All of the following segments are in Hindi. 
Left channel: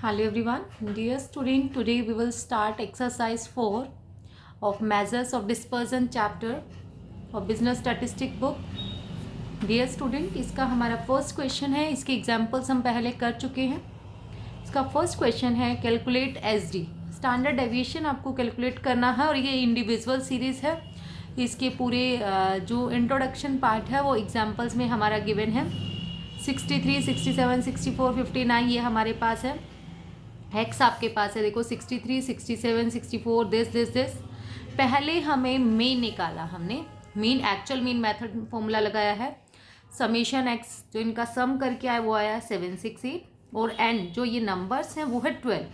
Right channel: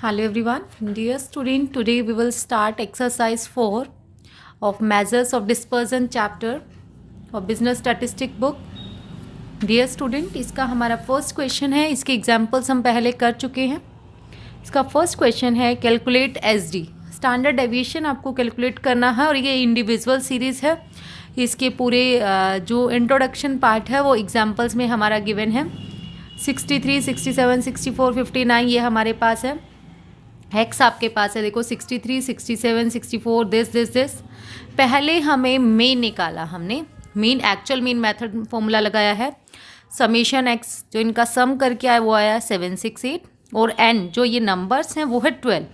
Hello everyone, dear student. Today we will start exercise 4 of measures of dispersion chapter of business statistic book. Dear student, इसका हमारा फर्स्ट क्वेश्चन है. इसके एग्जाम्पल्स हम पहले कर चुके हैं. इसका फर्स्ट क्वेश्चन है कैलकुलेट एसडी. स्टैंडर्ड डेविएशन आपको कैलकुलेट करना है और ये इंडिविजुअल सीरीज़ है. इसके पूरे जो इंट्रोडक्शन पार्ट है वो एग्जाम्पल्स में हमारा गिवन है. 63, 67, 64, 59 ये हमारे पास है. एक्स आपके पास है, देखो 63, 67, 64 दिस. पहले हमें मेन निकाला, हमने main actual main method formula लगाया है. समेशन एक्स जो इनका सम करके आया वो आया 768 और एन जो ये नंबर्स हैं वो है 12.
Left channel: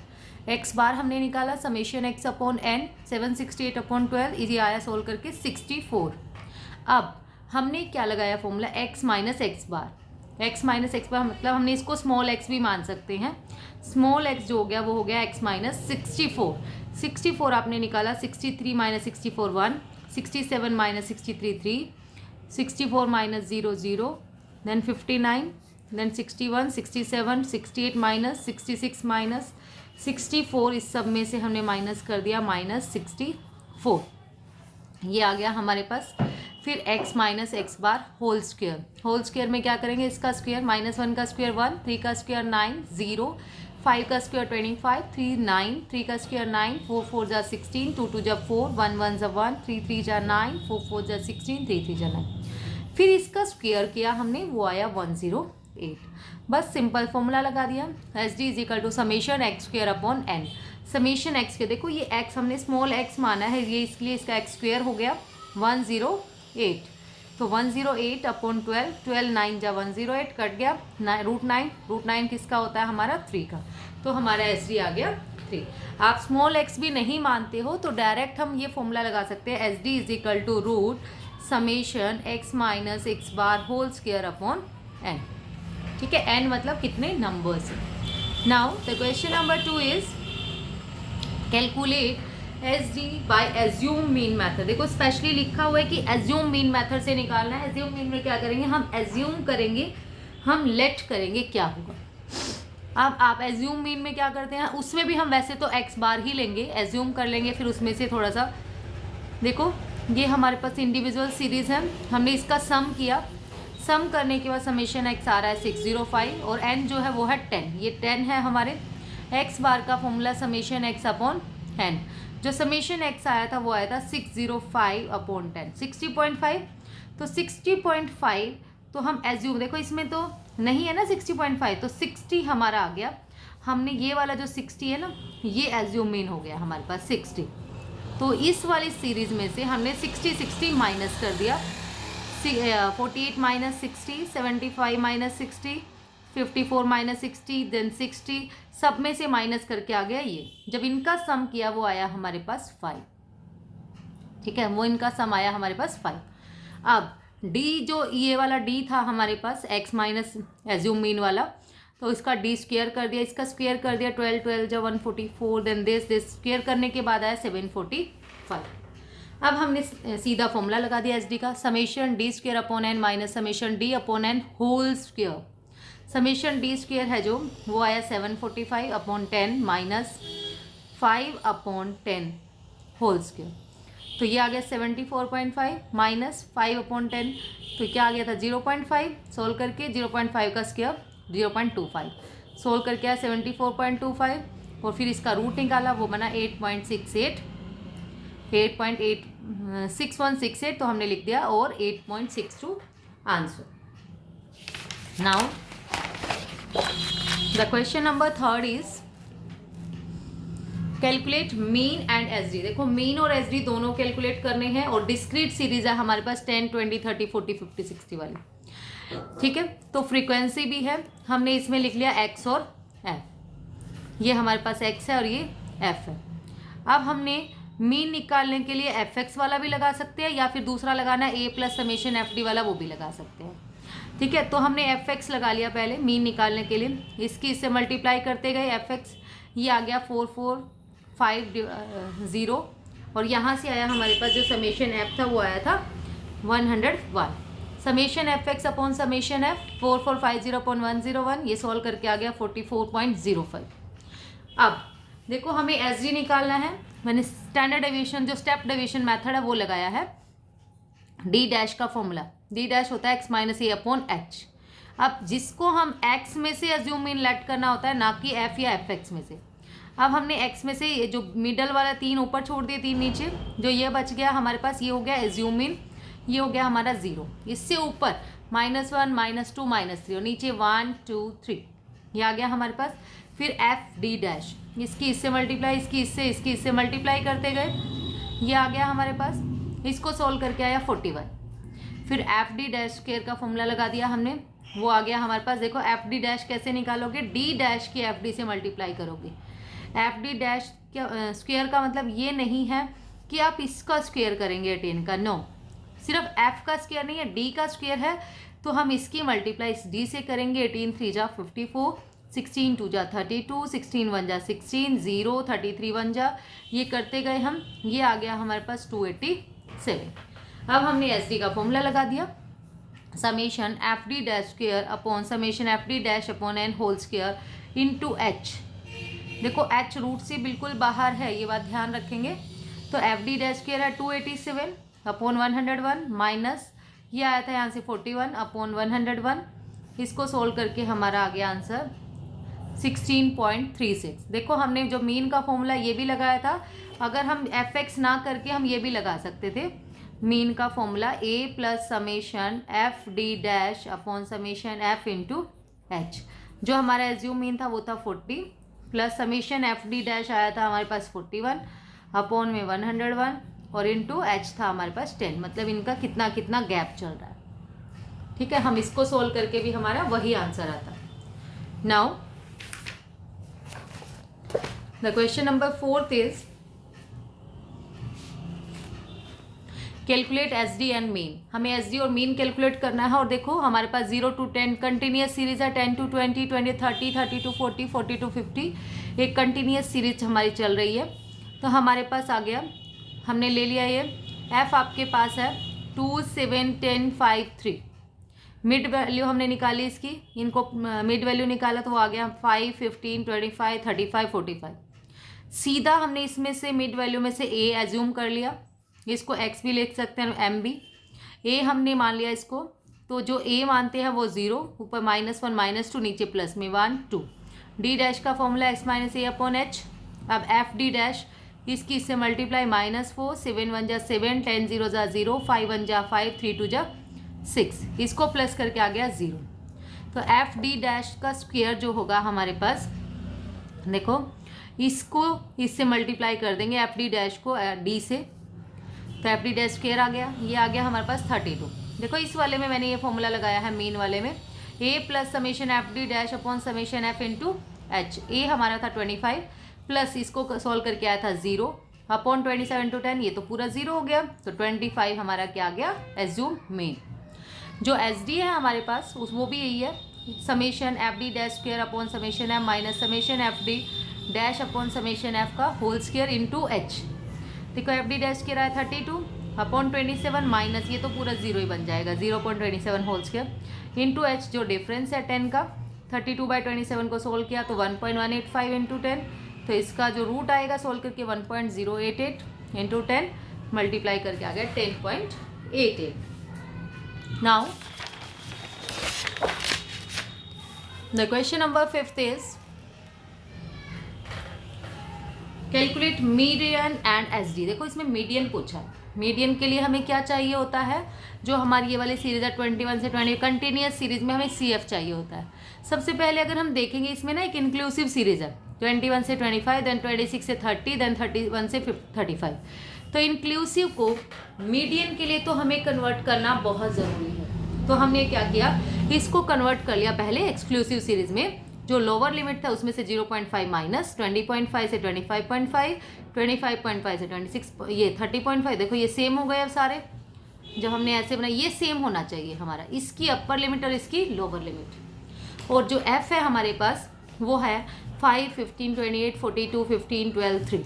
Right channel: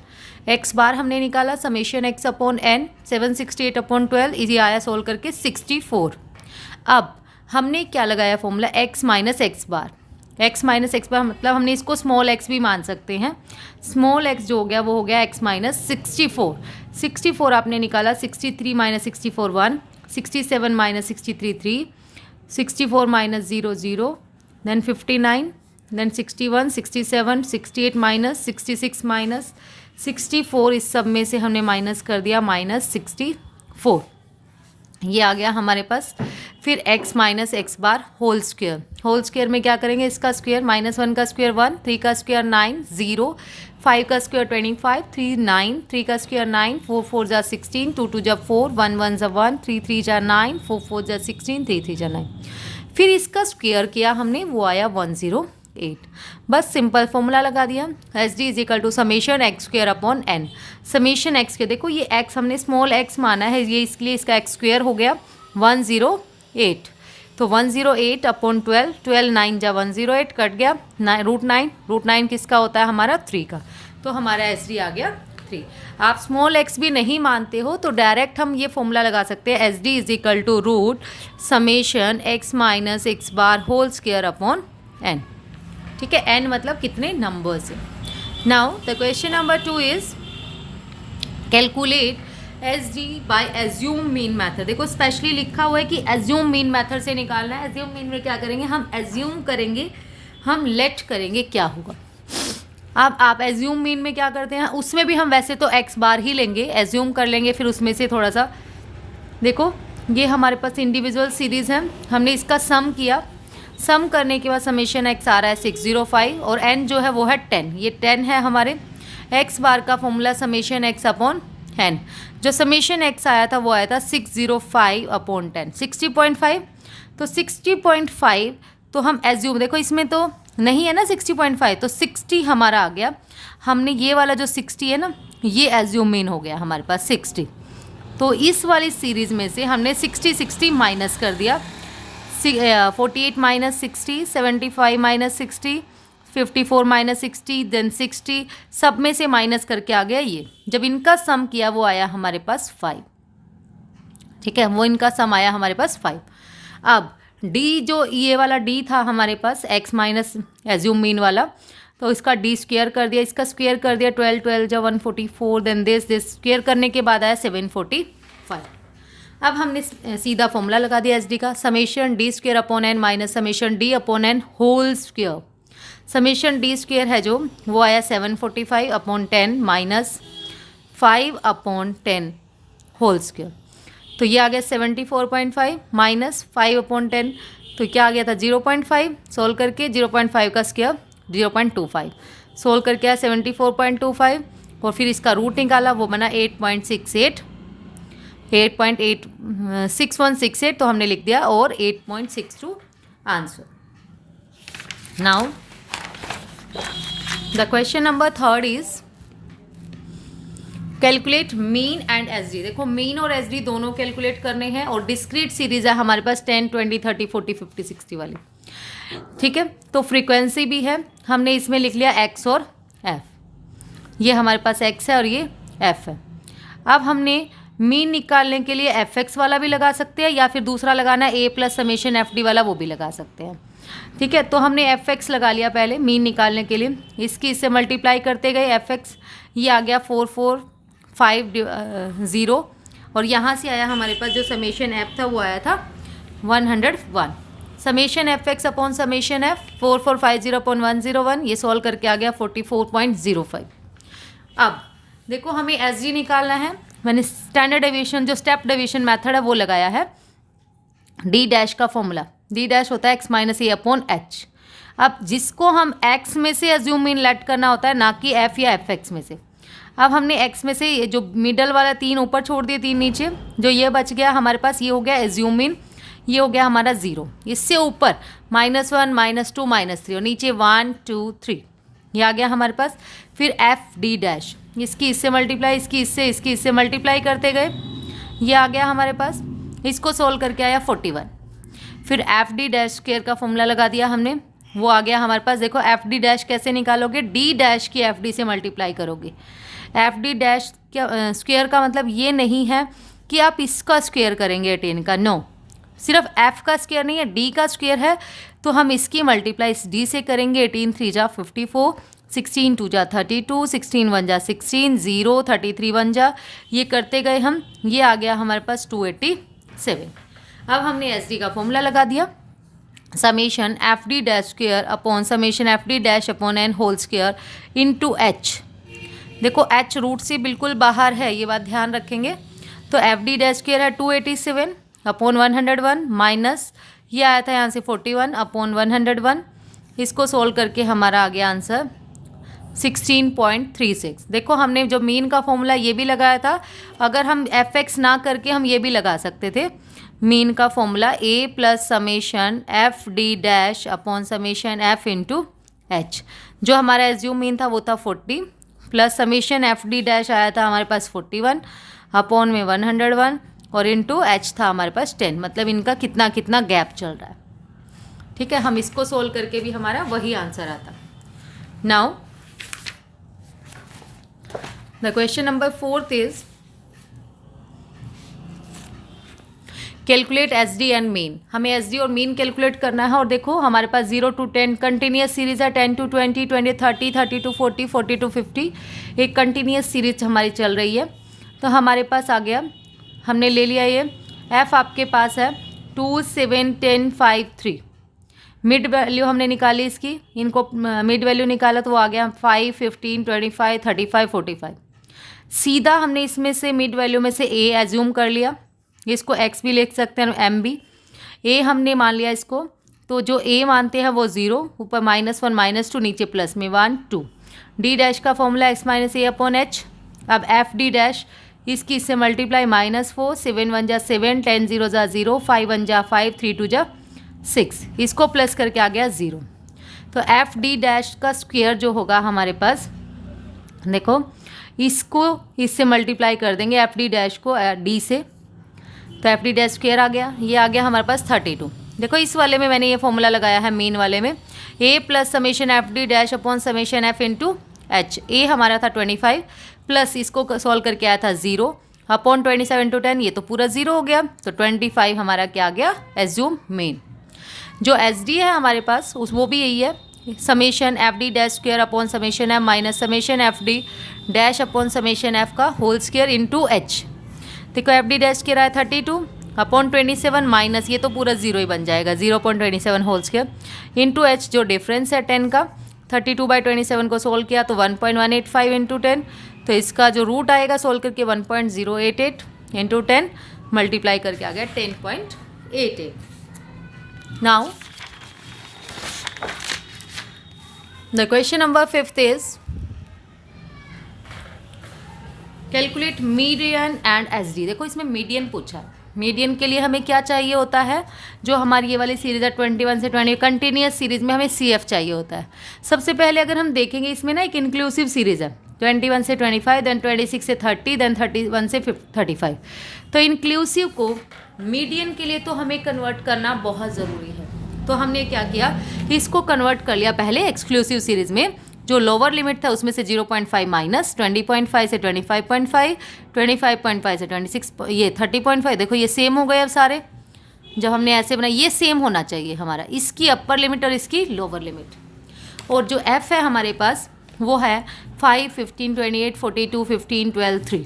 एक्स बार हमने निकाला summation x upon n 768 upon 12 ये आया सोल्व करके 64. अब हमने क्या लगाया फॉर्मूला एक्स माइनस एक्स बार. एक्स माइनस एक्स बार मतलब हमने इसको स्मॉल एक्स भी मान सकते हैं. स्मॉल एक्स जो हो गया वो हो गया एक्स माइनस 64. 64 आपने निकाला. 63 minus 64 1, 67 minus 63 3, 64 minus 0 0, then 59, then 61, 67, 68 minus 66 minus 64. इस सब में से हमने माइनस कर दिया माइनस 64. ये आ गया हमारे पास. फिर x minus x bar whole square. Whole square में क्या करेंगे, इसका स्क्वेयर -1 का स्क्वेयर 1, 3 का स्क्वेयर 9 0, 5 का स्क्वेयर 25 3 9, 3 का स्क्वेयर 9, 4 4 जा 16, 2 2 जा 4, 1 1 जा 1, 3 3 जा 9, 4 4 जा 16, 3 3 जा 9. फिर इसका स्क्वेयर किया हमने, वो आया 108. बस सिंपल फॉर्मूला लगा दिया. S D is equal to summation x square upon n. Summation x के देखो ये एक्स हमने स्मॉल एक्स माना है, ये इसलिए इसका एक्स स्क्वेयर हो गया 108. तो 108 अपॉन 12, 12 9 जा 108 कट गया. रूट 9 किसका होता है हमारा 3 का. तो हमारा एस डी आ गया 3. आप स्मॉल एक्स भी नहीं मानते हो तो डायरेक्ट हम ये फॉर्मूला लगा सकते हैं. S D is equal to root summation x minus x bar whole square upon n. ठीक है, एन मतलब कितने नंबर्स है. Now the question number 2 is calculate S D by assume mean method. देखो स्पेशली लिखा हुआ है कि एज्यूम मीन मैथड से निकालना है. एज्यूम मीन में क्या करेंगे, हम एज्यूम करेंगे, हम लेट करेंगे क्या होगा. अब आप एज्यूम मीन में क्या करते हैं, उसमें भी हम वैसे तो एक्स बार ही लेंगे, एज्यूम कर लेंगे. फिर उसमें से थोड़ा सा देखो ये हमारे पास इंडिविजुअल सीरीज़ है, हमने इसका सम किया. सम करने के बाद समेशन एक्स आ रहा है 605 और एन जो है वो है 10. ये 10 है हमारे. एक्स बार का formula summation x upon n. जो समेशन एक्स आया था वो आया था 605 अपॉन 10, 60.5. तो 60.5 तो हम एज्यूम, देखो इसमें तो नहीं है ना 60.5, तो 60 हमारा आ गया. हमने ये वाला जो 60 है ना ये एज्यूम मीन हो गया हमारे पास 60. तो इस वाली सीरीज़ में से हमने 60 माइनस कर दिया. 48 माइनस 60, 75 माइनस 60, 54 माइनस 60, देन 60, सब में से माइनस करके आ गया ये. जब इनका सम किया वो आया हमारे पास 5. ठीक है, वो इनका सम आया हमारे पास 5. अब डी जो ये वाला डी था हमारे पास एक्स माइनस एज्यूम मीन वाला, तो इसका डी स्क्वेयर कर दिया, इसका स्क्वेयर कर दिया 12 12 जो 144, देन दिस स्क्वेयर करने के बाद आया 745. अब हमने सीधा फॉर्मूला लगा दिया एस डी का. Summation d square upon n minus summation d upon n whole square. Summation d square है जो वो आया 745 upon 10 minus 5 upon 10 whole square. तो ये आ गया 74.5 माइनस 5 अपॉन 10, तो क्या आ गया था 0.5. सोल्व करके 0.5 का स्क्वेयर 0.25. सोल्व करके आया 74.25 और फिर इसका रूट निकाला, वो बना 8.68, 8.6168 तो हमने लिख दिया और 8.62 answer. Now the question number 3 is calculate mean and S D. देखो मीन और एस डी दोनों कैलकुलेट करने हैं और डिस्क्रीट सीरीज है हमारे पास 10 20 30 40 50 60 वाली. ठीक है, तो फ्रीक्वेंसी भी है. हमने इसमें लिख लिया एक्स और एफ. ये हमारे पास एक्स है और ये एफ है. अब हमने मीन निकालने के लिए एफ एक्स वाला भी लगा सकते हैं या फिर दूसरा लगाना है ए प्लस समेशन एफ डी वाला, वो भी लगा सकते हैं. ठीक है, तो हमने एफ एक्स लगा लिया पहले मीन निकालने के लिए. इससे मल्टीप्लाई करते गए एफ एक्स, ये आ गया 4450 और यहाँ से आया हमारे पास जो समेशन एफ था वो आया था 101. Summation F x upon summation F 4450 upon 101, ये सॉल्व करके आ गया 44.05. अब देखो हमें एस डी निकालना है। मैंने स्टैंडर्ड डेविएशन जो स्टेप डेविएशन मेथड है वो लगाया है। डी डैश का फॉर्मूला, डी डैश होता है एक्स माइनस ए अपॉन एच। अब जिसको हम एक्स में से एज्यूम इन लेट करना होता है, ना कि एफ या एफ एक्स में से। अब हमने एक्स में से ये जो मिडल वाला 3 ऊपर छोड़ दिए, 3 नीचे, जो ये बच गया हमारे पास ये हो गया एज्यूम इन, ये हो गया हमारा 0। इससे ऊपर -1 -2 -3 और नीचे 1 2 3 ये आ गया हमारे पास। फिर एफ डी डैश, इसकी इससे मल्टीप्लाई, इसकी इससे मल्टीप्लाई करते गए, ये आ गया हमारे पास। इसको सोल्व करके आया 41। फिर एफ डी डैश स्क्वायर का फॉर्मूला लगा दिया हमने, वो आ गया हमारे पास। देखो एफ डी डैश कैसे निकालोगे, डी डैश की एफ डी से मल्टीप्लाई करोगे। एफ डी डैश क्या स्क्वायर का मतलब ये नहीं है कि आप इसका स्क्वायर करेंगे 18 का, नो, सिर्फ एफ का स्क्वायर नहीं है, डी का स्क्वायर है, तो हम इसकी मल्टीप्लाई इस डी से करेंगे। 18 3 जा 54, 16 2 जा 32, 16 1 जा 16, 0 33 1 जा, ये करते गए हम, ये आ गया हमारे पास 287। अब हमने एस डी का फॉर्मूला लगा दिया, summation F D dash square upon summation F D dash upon n whole square into h. देखो एच रूट से बिल्कुल बाहर है, ये बात ध्यान रखेंगे। तो एफ डी डैश स्क्वायर है 287 अपॉन 101 माइनस ये आया था यहाँ से 41 अपॉन 101। इसको सोल्व करके हमारा आ गया आंसर 16.36। देखो हमने जो मीन का फॉर्मूला ये भी लगाया था, अगर हम एफ एक्स ना करके हम ये भी लगा सकते थे। मीन का formula A plus summation F D dash upon summation F into H. जो हमारा एज्यूम मीन था वो था 40 plus summation F D dash आया था हमारे पास 41 अपॉन में 101 और इंटू एच था हमारे पास 10। मतलब इनका कितना कितना गैप चल रहा है। ठीक है, हम इसको सोल्व करके भी हमारा वही आंसर आता। Now the question number 4 is calculate S D and mean. हमें एस डी और मीन कैलकुलेट करना है। और देखो हमारे पास 0 to 10 कंटिन्यूस सीरीज है, 10 to 20, 20 30, 30 to 40, 40 to 50, एक कंटिन्यूस सीरीज हमारी चल रही है। तो हमारे पास आ गया, हमने ले लिया ये एफ आपके पास है 2 7 10 5 3। मिड वैल्यू हमने निकाली इसकी, इनको मिड वैल्यू निकाला तो वो आ गया 5 15 25 35 45। सीधा हमने इसमें से मिड वैल्यू में से ए एज्यूम कर लिया, इसको एक्स भी लिख सकते हैं एम भी। ए हमने मान लिया इसको, तो जो ए मानते हैं वो 0, ऊपर -1 -2 नीचे प्लस में 1 2। डी डैश का फॉर्मूला एक्स माइनस ए अपॉन एच। अब एफ डी डैश इसकी इससे मल्टीप्लाई -4 7 1 जा 7 10 0 जा 0 5 1 जा 5 3 2 जा 6, इसको प्लस करके आ गया 0। तो एफ डी डैश का स्क्वायर जो होगा हमारे पास, देखो इसको इससे मल्टीप्लाई कर देंगे एफ डी डैश को डी से, तो एफ डी डैश स्क्वायर आ गया, ये आ गया हमारे पास 32। देखो इस वाले में मैंने ये फॉर्मूला लगाया है मीन वाले में, A plus summation F D dash upon summation F into H. A हमारा था 25 प्लस इसको सॉल्व करके आया था 0 अपॉन 27 to 10, ये तो पूरा 0 हो गया। तो 25 हमारा क्या आ गया, एज्यूम मीन। जो एस डी है हमारे पास उस वो भी यही है, summation F D dash square upon summation F minus summation F D dash upon summation F का होल स्क्वायर इंटू एच। देखो एफ डी डैश स्क्वायर आया 32 अपॉन 27 माइनस ये तो पूरा 0 ही बन जाएगा 0.27 होल स्क्वायर इंटू एच जो डिफरेंस है 10 का। 32/27 को सोल्व किया तो 1.185 इंटू 10, तो इसका जो रूट आएगा सोल्व करके 1.088 इंटू 10 मल्टीप्लाई करके आ गया 10.88। Now the question number 5 is calculate median and S D. देखो इसमें मीडियन पूछा, मीडियन के लिए हमें क्या चाहिए होता है, जो हमारी ये वाली सीरीज़ है 21 से 20 कंटिन्यूस सीरीज़ में हमें सी एफ चाहिए होता है। सबसे पहले अगर हम देखेंगे इसमें ना एक इंक्लूसिव सीरीज़ है 21 से 25, देन 26 से 30, देन 31 से 35। तो इंक्लूसिव को मीडियन के लिए तो हमें कन्वर्ट करना बहुत ज़रूरी है। तो हमने क्या किया, इसको कन्वर्ट कर लिया पहले एक्सक्लूसिव सीरीज़ में। जो लोअर लिमिट था उसमें से 0.5 माइनस 20.5 से 25.5, 25.5 से 26, ये 30.5। देखो ये सेम हो गए अब सारे, जब हमने ऐसे बनाया ये सेम होना चाहिए हमारा, इसकी अपर लिमिट और इसकी लोअर लिमिट। और जो एफ है हमारे पास वो है 5 15 28 42 15 12 3।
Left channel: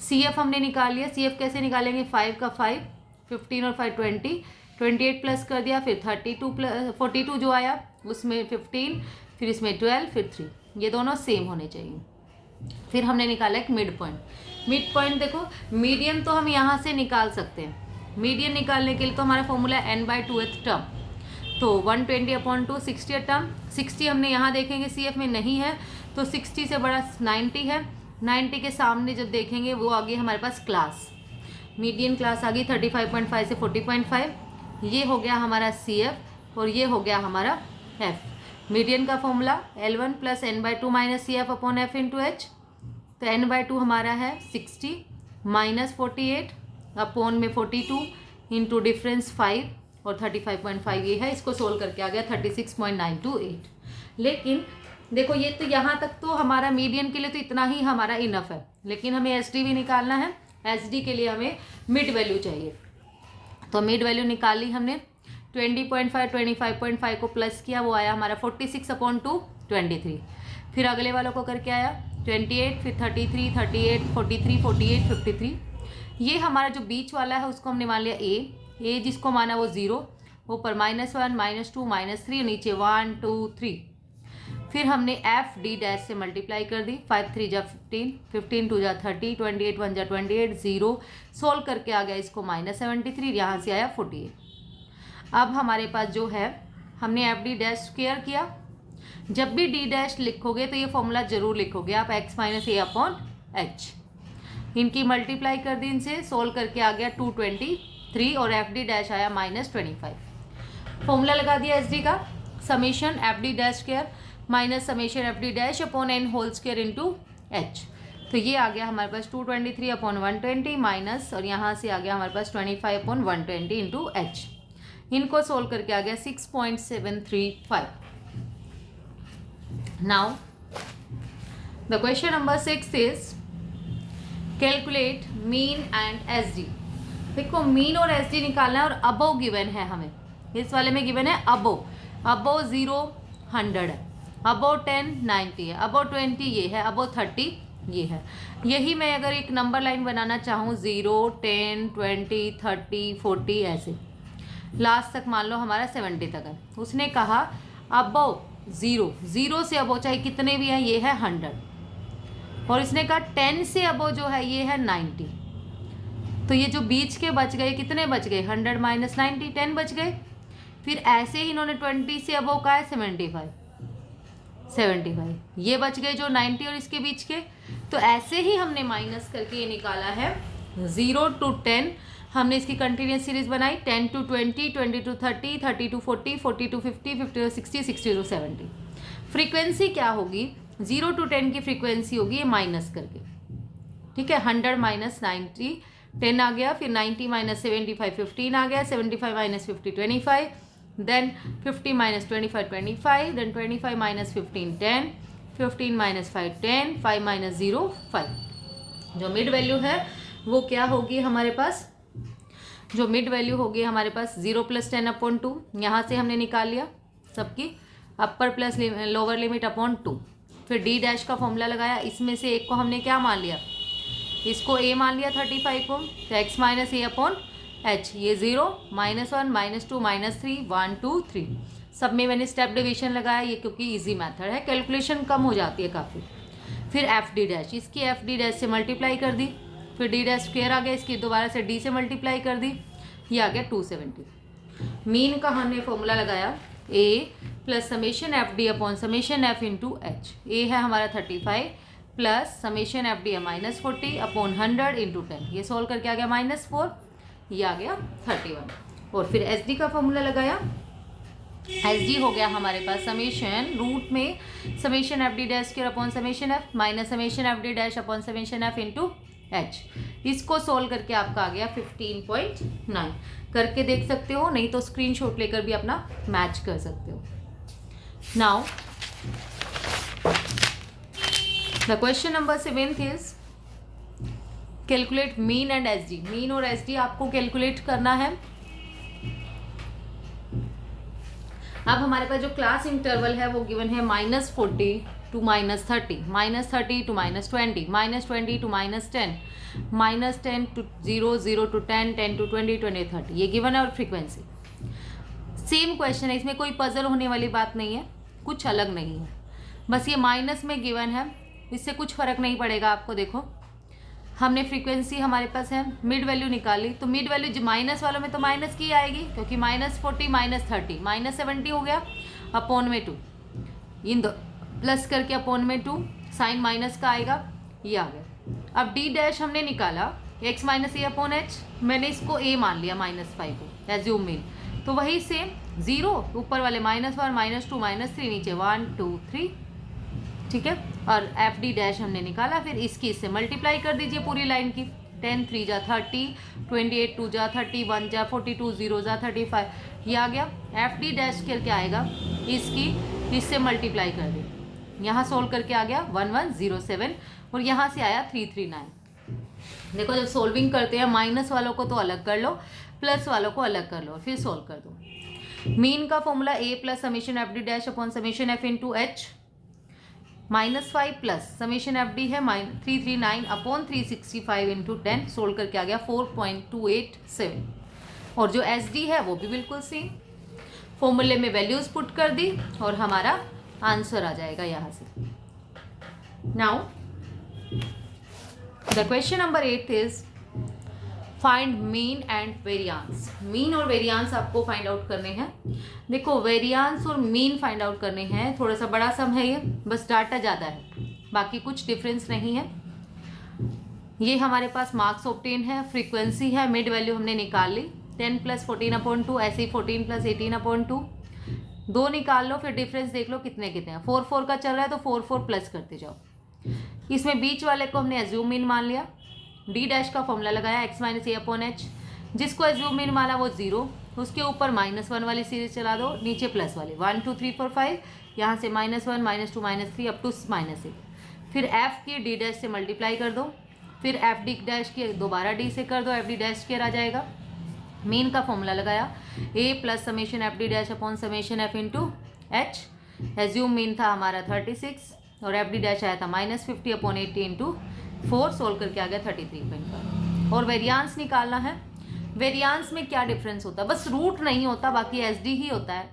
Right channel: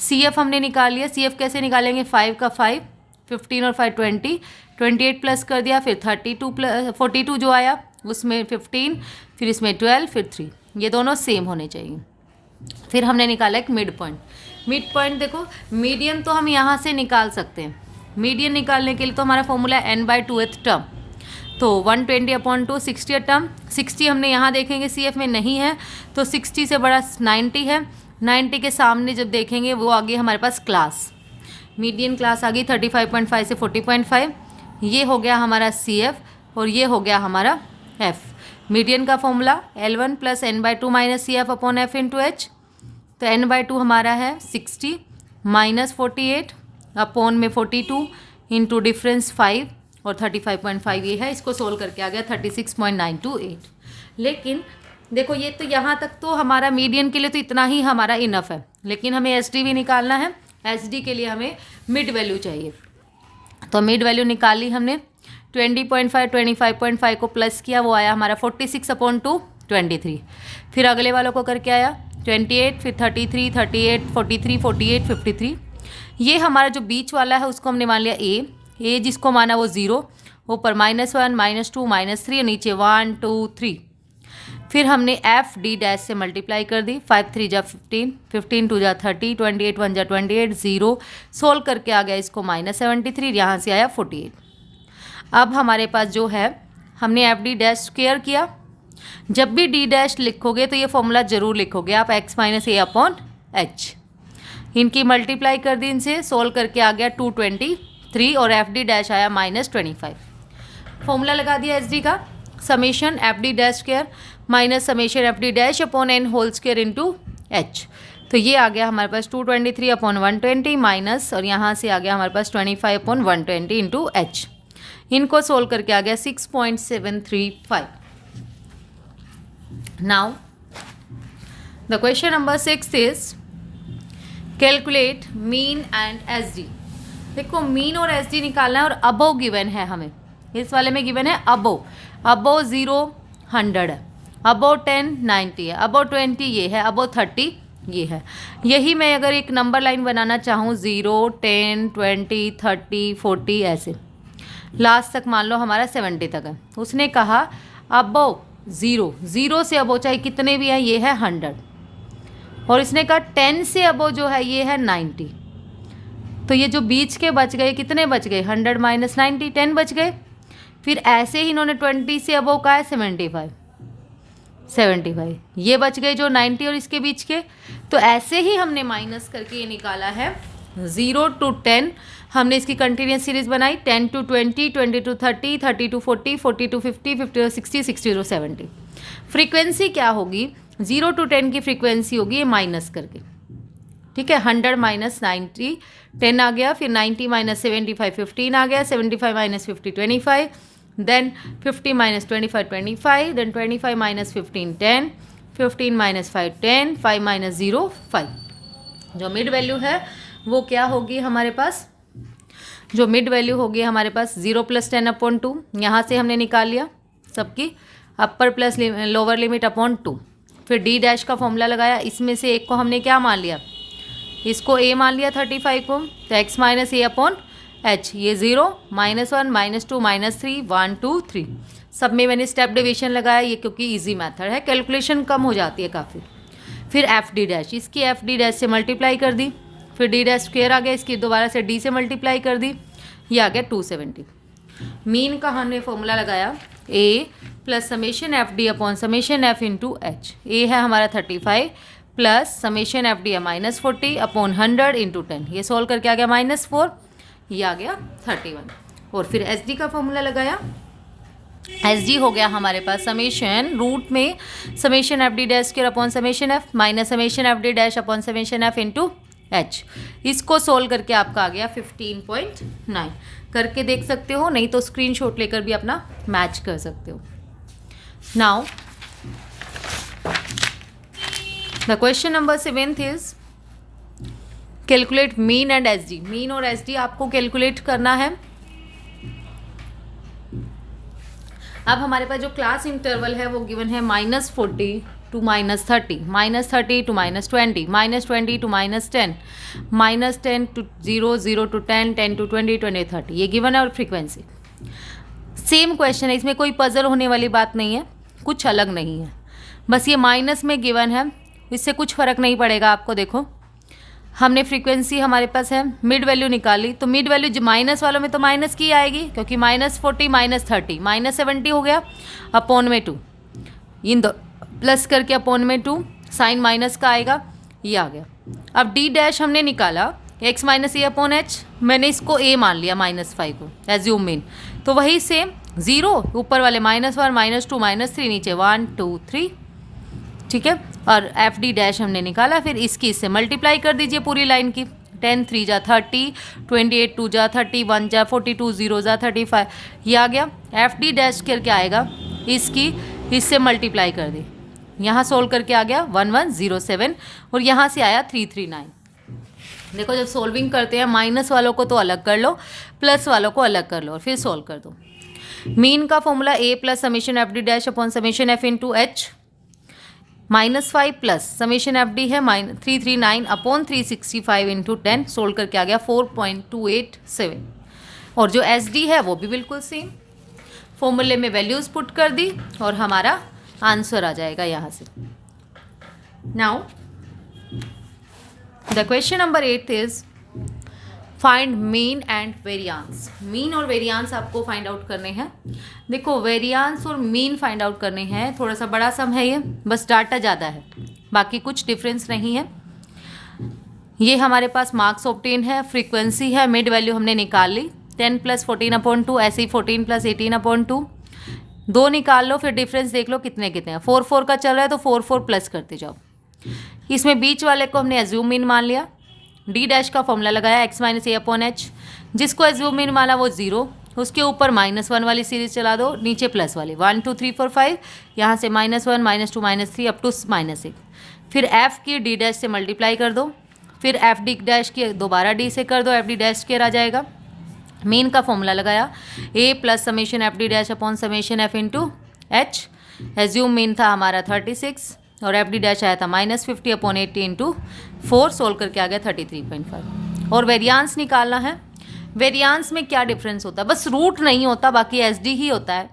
सी एफ हमने निकाल लिया। सी एफ कैसे निकालेंगे, 5 का 5 15 और 5 20, 28 प्लस कर दिया, फिर 32 प्लस 42 जो आया उसमें 15, फिर इसमें 12, फिर 3, ये दोनों सेम होने चाहिए। फिर हमने निकाला एक मिड पॉइंट। मिड पॉइंट देखो, मीडियन तो हम यहाँ से निकाल सकते हैं। मीडियन निकालने के लिए तो हमारा फॉर्मूला है n/2th टर्म, तो 120/2 60 टर्म। 60 हमने यहाँ देखेंगे CF में नहीं है, तो 60 से बड़ा 90 है। 90 के सामने जब देखेंगे वो आ गई हमारे पास क्लास, मीडियन क्लास आ गई 35.5 से 40.5। ये हो गया हमारा CF और ये हो गया हमारा F। मीडियन का formula L1 + n/2 - CF upon F × H। तो n/2 हमारा है 60 - 48 अपॉन में 42 इंटू डिफरेंस 5 और 35.5 ये है। इसको सोल्व करके आ गया 36.928। लेकिन देखो ये तो यहाँ तक तो हमारा मीडियन के लिए तो इतना ही हमारा इनफ है, लेकिन हमें SD भी निकालना है। SD के लिए हमें मिड वैल्यू चाहिए, तो मिड वैल्यू निकाली हमने। 20.5 25.5 को प्लस किया, वो आया हमारा 46/2 23। फिर अगले वालों को करके आया 28, फिर 33 38 43 48 53। ये हमारा जो बीच वाला है उसको हमने मान लिया A जिसको माना वो 0, ऊपर -1 -2 -3 और नीचे 1 2 3। फिर हमने FD' से मल्टीप्लाई कर दी। 5 3 जा 15, 15 2 जा 30, 28 1 जा 28, 0 सोल्व करके आ गया इसको -73, यहाँ से आया 48। अब हमारे पास जो है हमने FD' स्क्वायर किया। जब भी D' लिखोगे तो ये फॉर्मूला ज़रूर लिखोगे आप, x - A/H। इनकी मल्टीप्लाई कर दी, इनसे सोल्व करके आ गया 223 और FD' आया -25। फॉर्मूला लगा दिया SD का, summation FD' square minus summation FD' upon n whole square into H। तो ये आ गया हमारे पास 223/120 माइनस, और यहाँ से आ गया हमारे पास 25/120 इंटू H। इनको सोल्व करके आ गया 6.735। Now the question number 6 is calculate mean and SD। देखो मीन और SD निकालना है और अबोव गिवन है हमें। इस वाले में गिवन है अबोव 0 100 है, अबोव 10 90 है, अबोव 20 ये है, अबोव 30 ये है। यही मैं अगर एक नंबर लाइन बनाना चाहूँ 0 10 20 30 40 ऐसे लास्ट तक मान लो हमारा 70 तक है। उसने कहा अबोव 0 से अबोव चाहे कितने भी हैं ये है 100, और इसने कहा 10 से अबोव जो है ये है 90। तो ये जो बीच के बच गए कितने बच गए 100 - 90 10 बच गए। फिर ऐसे ही इन्होंने 20 से अबोव का है 75 ये बच गए जो 90 और इसके बीच के। तो ऐसे ही हमने माइनस करके ये निकाला है 0 to 10। हमने इसकी कंटिन्यूस सीरीज बनाई 10 to 20 20 to 30 30 to 40 40 to 50 50 to 60 60 to 70। Frequency क्या होगी 0 to 10 की फ्रीक्वेंसी होगी ये माइनस करके, ठीक है। 100 - 90 10 आ गया, फिर 90 - 75 15 आ गया, 75 - 50 25, देन 50 - 25 25, देन 25 - 15 10, 15 - 5 10, 5 - 0 5। जो मिड वैल्यू है वो क्या होगी हमारे पास, जो मिड वैल्यू होगी हमारे पास 0 + 10/2। यहाँ से हमने निकाल लिया सबकी अपर प्लस लोअर लिमिट अपॉन 2। फिर D' का फॉर्मूला लगाया, इसमें से एक को हमने क्या मान लिया, इसको A मान लिया 35 को, तो x - A/H ये 0 -1 -2 -3 1 2 3। सब में मैंने स्टेप डिवीजन लगाया ये क्योंकि इजी मेथड है, कैलकुलेशन कम हो जाती है काफ़ी। फिर FD', इसकी FD' से मल्टीप्लाई कर दी, फिर D' स्क्वायर आ गया, इसकी दोबारा से D से मल्टीप्लाई कर दी, ये आ गया 270। मीन का हमने फॉर्मूला लगाया A + summation FD upon summation F into H। A है हमारा 35 प्लस समेशन FD है -40 अपॉन 100 इंटू 10। ये सोल्व करके आ गया -4, ये आ गया 31। और फिर SD का फॉर्मूला लगाया, SD हो गया हमारे पास समेशन रूट में summation FD' square upon summation F minus summation FD' upon summation F into H। इसको सोल्व करके आपका आ गया 15.9। करके देख सकते हो, नहीं तो स्क्रीनशॉट लेकर भी अपना मैच कर सकते हो। Now the question number 7 is calculate mean and SD। Mean और SD आपको कैलकुलेट करना है। अब हमारे पास जो क्लास इंटरवल है वो गिवन है -40 to -30, -30 to -20, -20 to -10, -10 to 0 0 to 10 10 to 20 20 30 ये गिवन है। और फ्रीक्वेंसी सेम क्वेश्चन है, इसमें कोई पजल होने वाली बात नहीं है, कुछ अलग नहीं है, बस ये माइनस में गिवन है इससे कुछ फ़र्क नहीं पड़ेगा आपको। देखो हमने फ्रीक्वेंसी हमारे पास है, मिड वैल्यू निकाली, तो मिड वैल्यू माइनस वालों में तो माइनस की आएगी, क्योंकि -40 -30 -70 हो गया, अपॉन में 2, इन दो प्लस करके अपॉन में 2, साइन माइनस का आएगा, ये आ गया। अब डी डैश हमने निकाला x माइनस ए अपॉन एच, मैंने इसको a मान लिया -5 को एज्यूम मीन, तो वही सेम 0 ऊपर वाले -1 -2 -3 नीचे 1 2 3, ठीक है। और एफ डी डैश हमने निकाला, फिर इसकी इससे मल्टीप्लाई कर दीजिए पूरी लाइन की, 10 3 जा 30, 28 2 जा 31 जा 42 0 जा 35, ये आ गया। एफ डी डैश करके आएगा, इसकी इससे मल्टीप्लाई कर दी, यहाँ सोल्व करके आ गया 1107, और यहाँ से आया 339। देखो जब सोल्विंग करते हैं माइनस वालों को तो अलग कर लो, प्लस वालों को अलग कर लो और फिर सोल्व कर दो। मीन का formula a plus summation F D dash upon summation F into H, -5 plus summation F D है 339 अपॉन 365 इंटू 10, सोल्व करके आ गया 4.287, और जो एस डी है वो भी बिल्कुल सेम, फॉर्मूले में वैल्यूज पुट कर दी और हमारा आंसर आ जाएगा यहाँ से। Now the question number 8 is find mean and variance. Mean और वेरियांस आपको फाइंड आउट करने हैं। देखो वेरियांस और मीन फाइंड आउट करने हैं, थोड़ा सा बड़ा सम है ये, बस डाटा ज़्यादा है, बाकी कुछ डिफरेंस नहीं है। ये हमारे पास मार्क्स ऑब्टेन है, फ्रीक्वेंसी है, मिड वैल्यू हमने निकाल ली, 10 + 14/2, ऐसे ही 14 + 18/2, 2 निकाल लो, फिर डिफरेंस देख लो कितने कितने हैं। 4 4 का चल रहा है तो 4 4 प्लस करते जाओ। इसमें बीच वाले को हमने एज्यूम मीन मान लिया, डी डैश का फॉर्मूला लगाया x माइनस ए अपॉन एच, जिसको एज्यूम मीन माना वो 0, उसके ऊपर -1 वाली सीरीज चला दो, नीचे प्लस वाली 1 2 3 4 5, यहाँ से -1 -2 -3 अप टू -6, फिर f की डी डैश से मल्टीप्लाई कर दो, फिर एफ डी डैश की दोबारा डी से कर दो, एफ डी डैश स्क्वायर आ जाएगा। मीन का फॉर्मूला लगाया a plus summation F D dash upon summation F into H, assume mean था हमारा 36 और एफ डी डैश आया था -50 अपॉन 80 इंटू 4, सोल्व करके आ गया 33.5। और वेरियांस निकालना है। वेरियांस में क्या डिफरेंस होता है, बस रूट नहीं होता, बाकी एस डी ही होता है,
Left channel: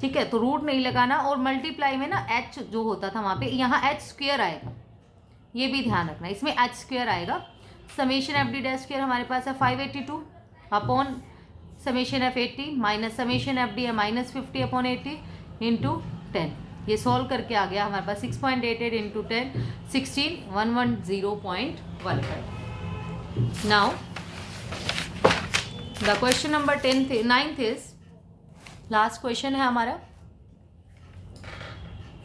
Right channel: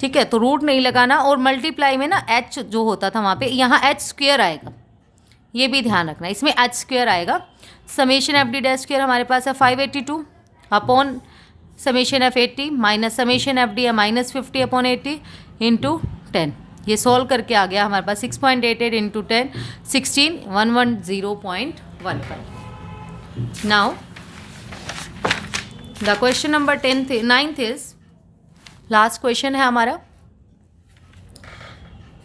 ठीक है। तो रूट नहीं लगाना, और मल्टीप्लाई में ना एच जो होता था वहाँ पे, यहाँ एच स्क्वायर आएगा, ये भी ध्यान रखना, इसमें एच स्क्वायर आएगा। Summation F D dash square हमारे पास है 582 upon summation F 80 minus summation F D है -50 अपॉन 80 इंटू 10, ये सोल्व करके आ गया हमारे पास 6.88 into 10 16 110.15। Now the question number 9th is last question है हमारा।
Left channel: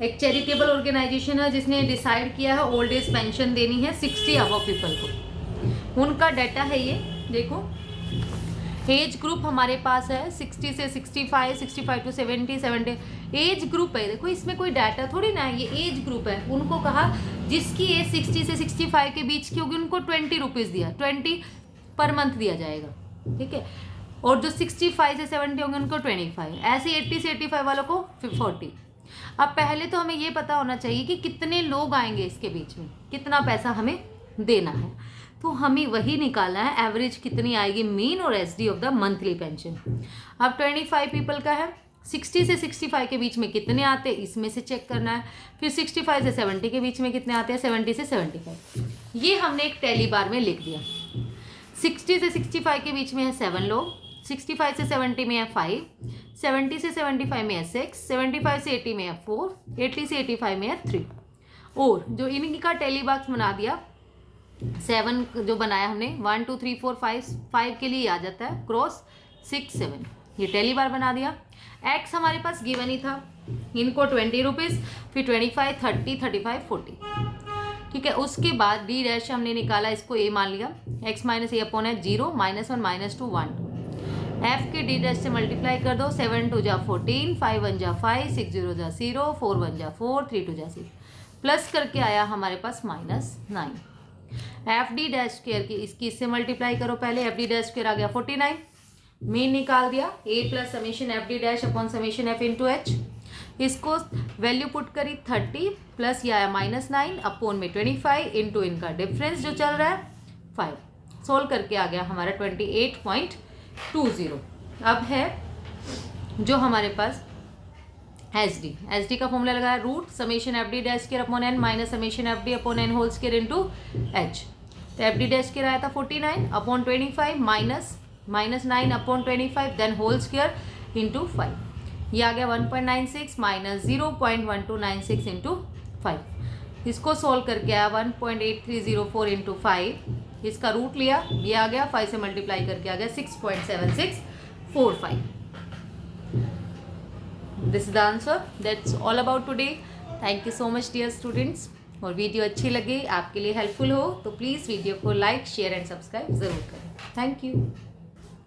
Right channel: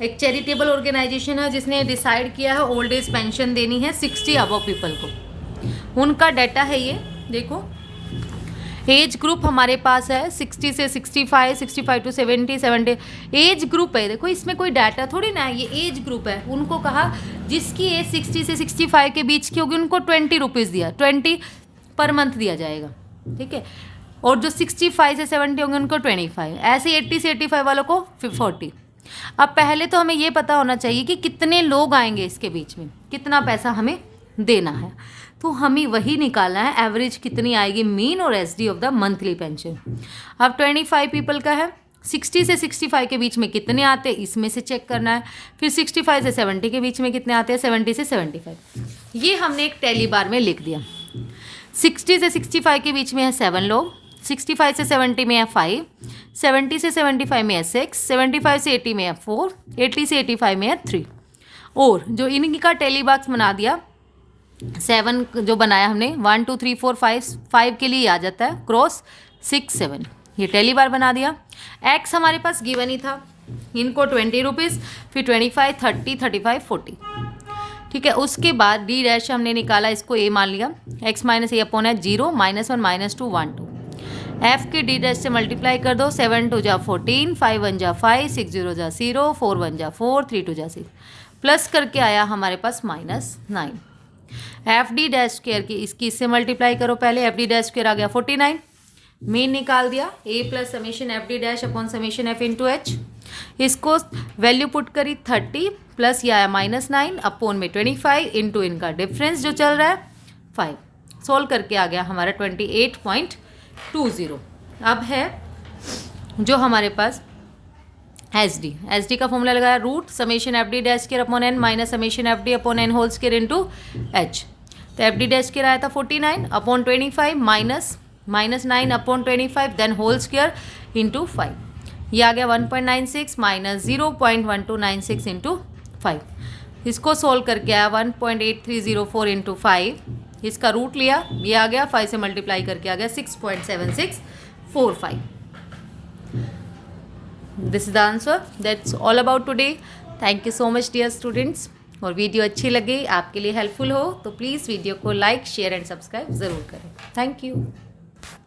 एक चैरिटेबल ऑर्गेनाइजेशन है जिसने डिसाइड किया है ओल्ड एज पेंशन देनी है 60 अबव पीपल को। उनका डाटा है ये, देखो एज ग्रुप हमारे पास है 60 से 65, 65 टू 70, 70 एज ग्रुप है। देखो इसमें कोई डाटा थोड़ी ना है, ये एज ग्रुप है। उनको कहा जिसकी एज 60 से 65 के बीच की होगी उनको 20 रुपीज़ दिया, 20 पर मंथ दिया जाएगा, ठीक है। और जो 65 से 70 होंगे उनको 25, ऐसे 80 से 85 वालों को 40। अब पहले तो हमें ये पता होना चाहिए कि कितने लोग आएंगे इसके बीच में, कितना पैसा हमें देना है, तो हमें वही निकालना है एवरेज कितनी आएगी मीन और SD of the monthly pension. अब 25 पीपल का है, 60 से 65 के बीच में कितने आते हैं इसमें से चेक करना है, फिर 65 से 70 के बीच में कितने आते हैं, 70 से 75, ये हमने एक टैली बार में लिख दिया। 60 से 65 के बीच में है 7 लोग, 65 से 70 में है 5, 70 से 75 में है 6, 75 से 80 में है 4, 80 से 85 में है 3, और जो इनका टैली बॉक्स बना दिया 7 जो बनाया हमने 1 2 3 4 5 के लिए आ जाता है क्रॉस 6 7, ये टैली बार बना दिया। एक्स हमारे पास गिवन ही था, इनको 20 रुपीज़, फिर 25 30 35 40, ठीक है। उसके बाद डी डैश हमने निकाला, इसको ए मान लिया, एक्स माइनस ए अपॉन है 0 -1 -2 1 2, एफ की डी डैश से मल्टीप्लाई कर दो, 7 2 जा 14, 5 1 जा 5, 6 0 जा 0, 4 1 जा 4, 3 2 जा 6, प्लस करके आया हमारे पास -9। एफ डी डैश स्क्वायर की इसकी इससे मल्टीप्लाई करो, पहले एफ डी डैश स्क्वायर आ गया 49, मीन निकाल दिया A plus summation F D dash upon summation F into H, इसको वैल्यू पुट करी 30 प्लस ये आया -9 अपॉन में 25 इंटू इनका डिफरेंस जो चल रहा है 5, सोल्व करके आ गया हमारा 28.20। अब है जो हमारे पास एच डी का फॉर्मूला लगाया root summation F D dash square upon n minus summation F d upon n whole square into h. तो एफ डी डैश केयर आया था 49 अपॉन 25 माइनस 9 अपॉन 25 देन होल स्केयर इंटू 5। ये आ गया 1.96 माइनस 0.1296 इंटू 5। इसको सोल्व करके आया 1.8304 इंटू 5। इसका रूट लिया, ये आ गया 5 से मल्टीप्लाई करके आ गया 6.7645। This is the answer. That's all about today. Thank you so much dear students. और वीडियो अच्छी लगे, आपके लिए हेल्पफुल हो तो प्लीज़ वीडियो को लाइक शेयर एंड सब्सक्राइब ज़रूर करें। Thank you.